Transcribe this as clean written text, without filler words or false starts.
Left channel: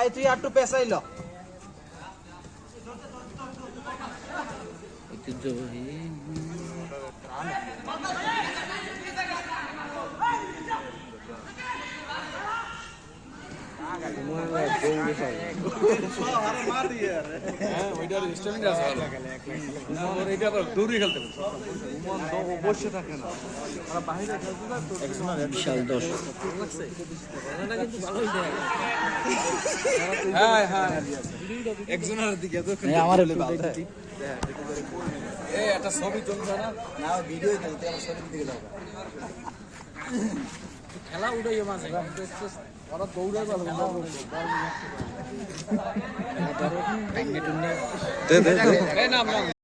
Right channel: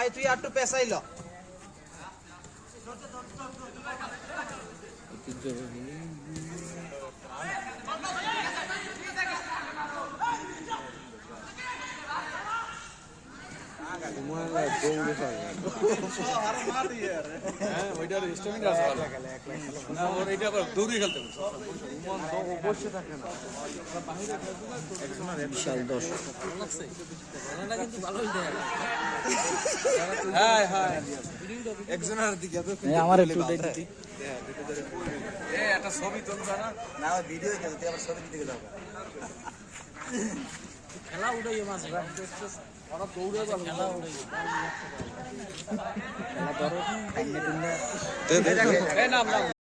ভাই তুই একটু পেছাইল বিশাল দর্শক একটা ছবি তুলছে না ভিডিও ছবি দিকে যাও খেলা উঠে ওরা দৌড়াই